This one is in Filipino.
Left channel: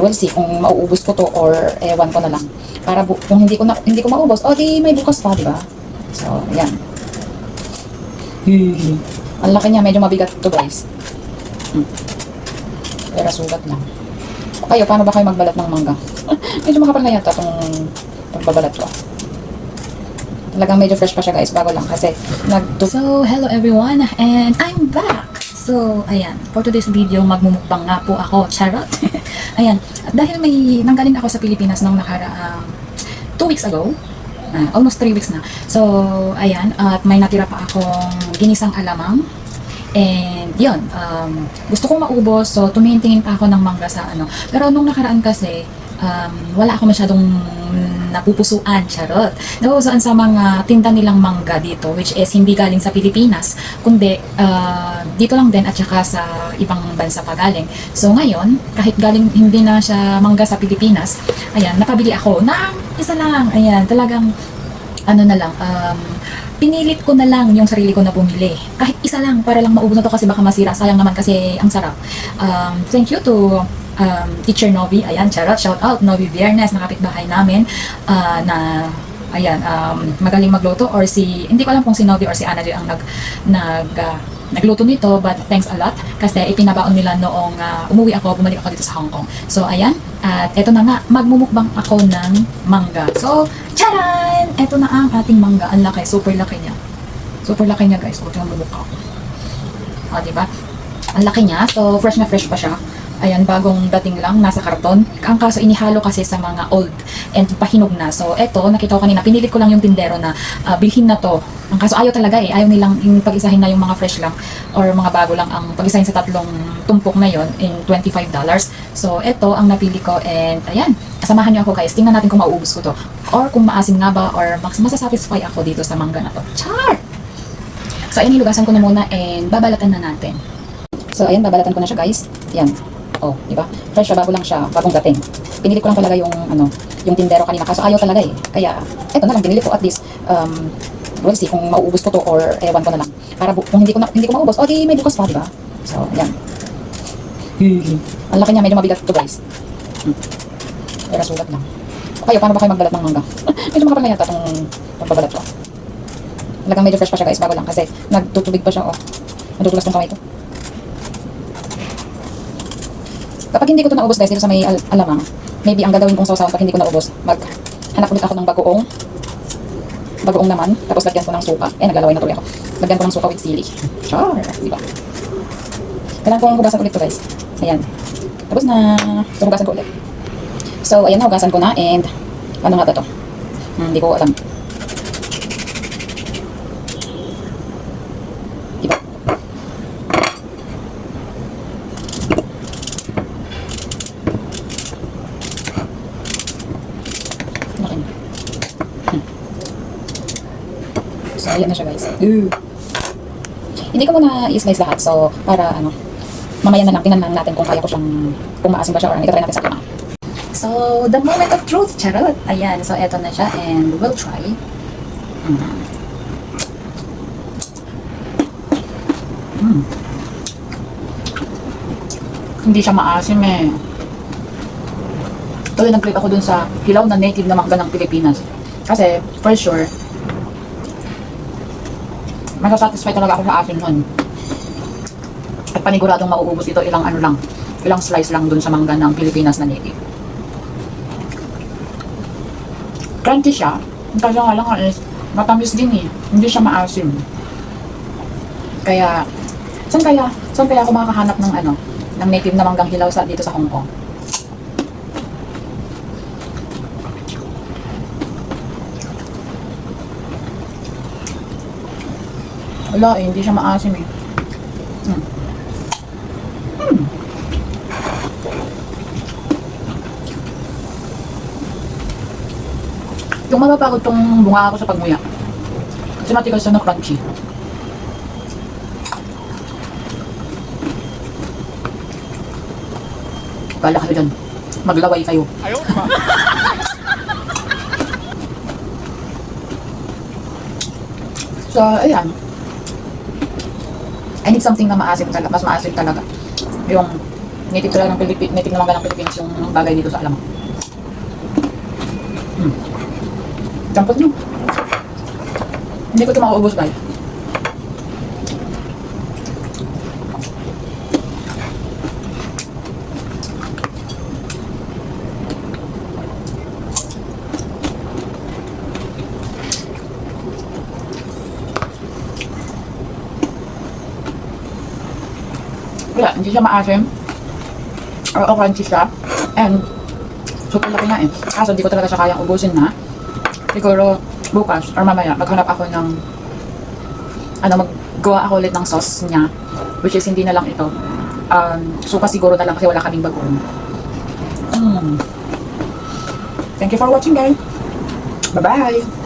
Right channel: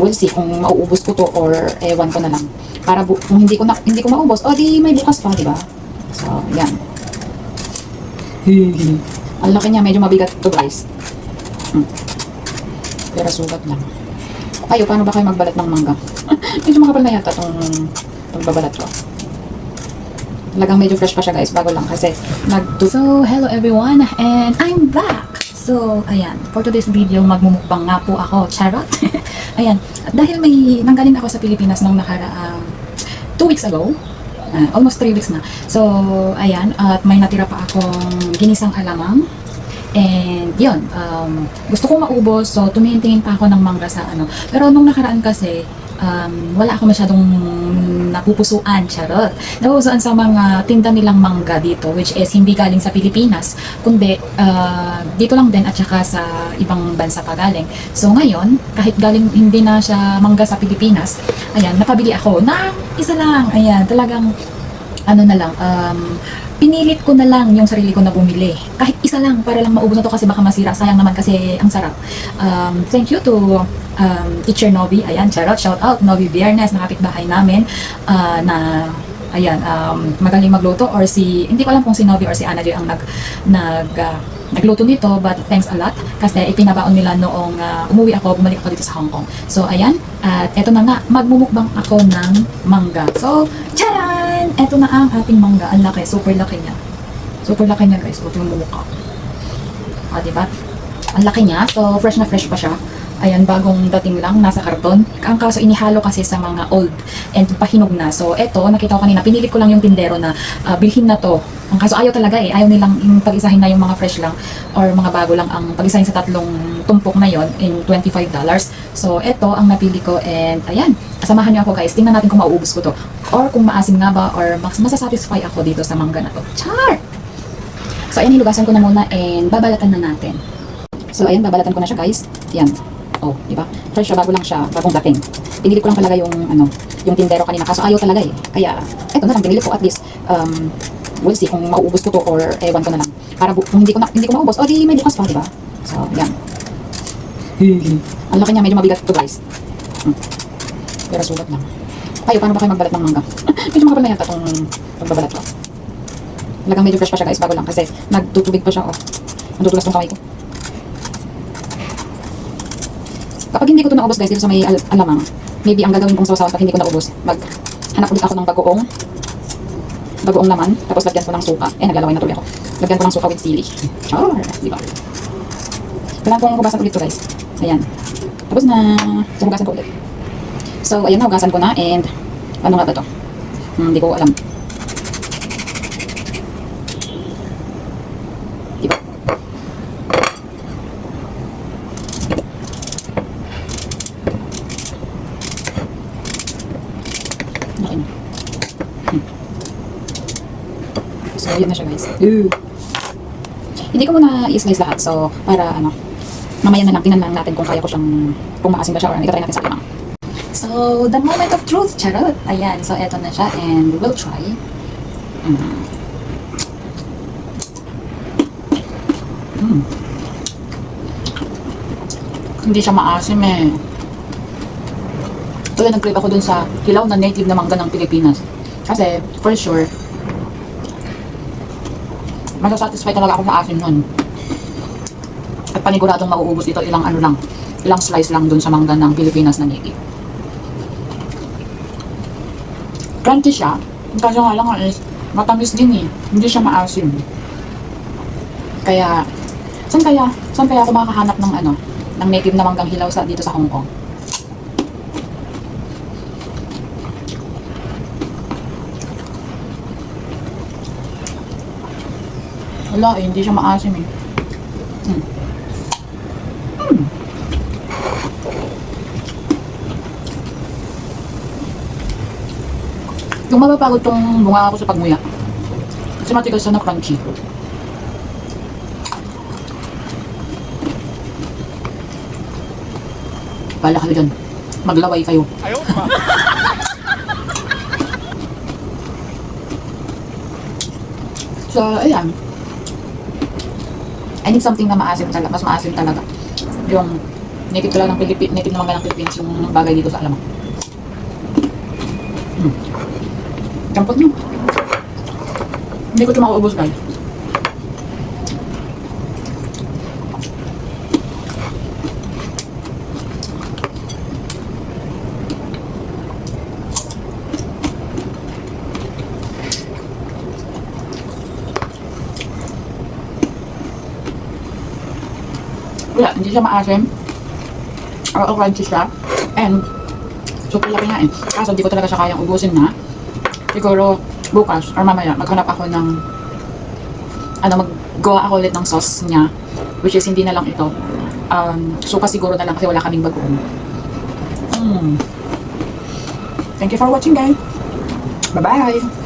we'll see kung mauubos ko to or ewan ko na lang. Para kung hindi ko maubos, o di may bukas pa, di ba? So, yan. Ang laki niya, medyo mabigat to guys. Pero sugat lang. Kayo, paano ba kayo magbalat ng mangga? Medyo makapal na yata tong pagbabalat ko. Talagang medyo fresh pa siya guys, bago lang kasi So, hello everyone, and I'm back! So, ayan, for today's video, magmumukbang nga po ako, charot! Ayan, at dahil nanggaling ako sa Pilipinas nung nakaraang 2 weeks ago, almost 3 weeks na. So, ayan, at may natira pa akong ginisang alamang. And yun, gusto ko maubos, so tumingin-tingin pa ako ng mangga sa ano. Pero nung nakaraan kasi, wala ako masyadong napupusuan, charot. Napupusuan sa mga tinda nilang mangga dito, which is hindi galing sa Pilipinas, kundi dito lang din at saka sa ibang bansa pa galing. So ngayon, kahit galing hindi na siya mangga sa Pilipinas, ayan, napabili ako ng isa lang. Ayan, talagang ano na lang, pinilit ko na lang yung sarili ko na bumili. Kahit isa lang, para lang maubos na to kasi baka masira. Sayang naman kasi ang sarap. Thank you to Teacher Novi. Ayan, charot. Shout out, Novi Viernes, na kapitbahay namin. Ayan, magaling magluto. Or hindi ko alam kung si Novi or si Ana Joy ang nagluto nito, but thanks a lot. Kasi ipinabaon nila noong umuwi ako, bumalik ako dito sa Hong Kong. So, ayan. At eto na nga, magmumukbang ako ng mangga. So, charan! Eto na ang ating mangga. Ang laki. Super laki niya. Super laki niya, guys. Ito yung mumukha. O, diba? Ang laki niya. So, fresh na fresh pa siya. Ayan, bagong dating lang, nasa karton. Ang kaso, inihalo kasi sa mga old and pahinog na. So, eto, nakita ko kanina, pinilit ko lang yung tindero na bilhin na to. Ang kaso, ayaw talaga eh. Ayaw nilang pag-isahin na yung mga fresh lang or mga bago lang ang pag-isahin sa tatlong tumpok na yon in $25. So, eto ang napili ko and ayan, samahan niyo ako guys. Tingnan natin kung mauubos ko to. Or kung maasim nga ba or masasatisfy ako dito sa mangga na to. Char! So, ayan, hinugasan ko na muna and babalatan na natin. So, ayan, babalatan ko na siya guys. Ayan. Oh, di ba? Fresh siya, bago lang siya, bagong dating. Pinilit ko lang talaga yung yung tindero kanina kaso ayaw talaga eh. Kaya eto na lang binili ko at least we'll see kung mauubos ko to or ewan ko na lang. Para kung hindi ko maubos, o di may bukas pa, di ba? So, yan. Ang laki niya, medyo mabigat to guys. Pero sugat lang. Kayo, paano ba kayo magbalat ng mangga? Medyo makapal na yata tong pagbabalat ko. Talagang medyo fresh pa siya guys, bago lang kasi nagtutubig pa siya, oh. Natutulas tong kamay ko. Kapag hindi ko ito naubos guys dito sa may alamang, maybe ang gagawin kong sausawan pag hindi ko naubos, maghanap ulit ako ng bagoong naman, tapos lagyan ko ng suka. Naglalaway na tuloy ako. Lagyan ko ng suka with sili. Char! Diba? Kailangan kong hugasan ulit to guys. Ayan. Tapos na. So, hugasan ko ulit. So, ayan na, hugasan ko na and ano nga ba to? Hindi ko alam. Diba? So, ayan na siya guys. Hindi ko muna i-slice lahat. So, para mamaya na lang, tingnan lang natin kung kaya ko siyang, kung maasim ba siya or ito-try natin sa alamang. So, the moment of truth, charot. Ayan, so eto na siya and we'll try. Hindi siya maasim eh. Tuloy nag-crave ako dun sa hilaw na native na mangga ng Pilipinas. Kasi, for sure, masasatisfy talaga ako sa asin nun. At paniguradong mauubos ito ilang slice lang dun sa mangga ng Pilipinas na native. Crunchy siya. Ang kaso nga lang is matamis din eh. Hindi siya maasim. Kaya, saan kaya ako makakahanap ng ng native na manggang hilaw dito sa Hong Kong? Wala eh, hindi siya maasim eh. Yung mapapagod tong bunga ako sa pagmuya. Kasi matigas siya na crunchy. Bala kayo dyan. Maglaway kayo. Ayaw naman. So, ayan. I need something na maasim talaga. Mas maasim talaga. Yung Native talaga ng Pilipinas, native naman ng Pilipinas yung bagay dito sa alam. Campot nyo. Hindi ko ito mauubos guys. Kaya hindi siya maasim. O crunchy siya. And super laki nga eh. Kaso di ko talaga siya kayang ubusin na. Siguro bukas or mamaya maghanap ako ng maggawa ako ulit ng sauce niya. Which is hindi na lang ito. Suka siguro na lang kasi wala kaming bagoong. Thank you for watching guys. Bye bye!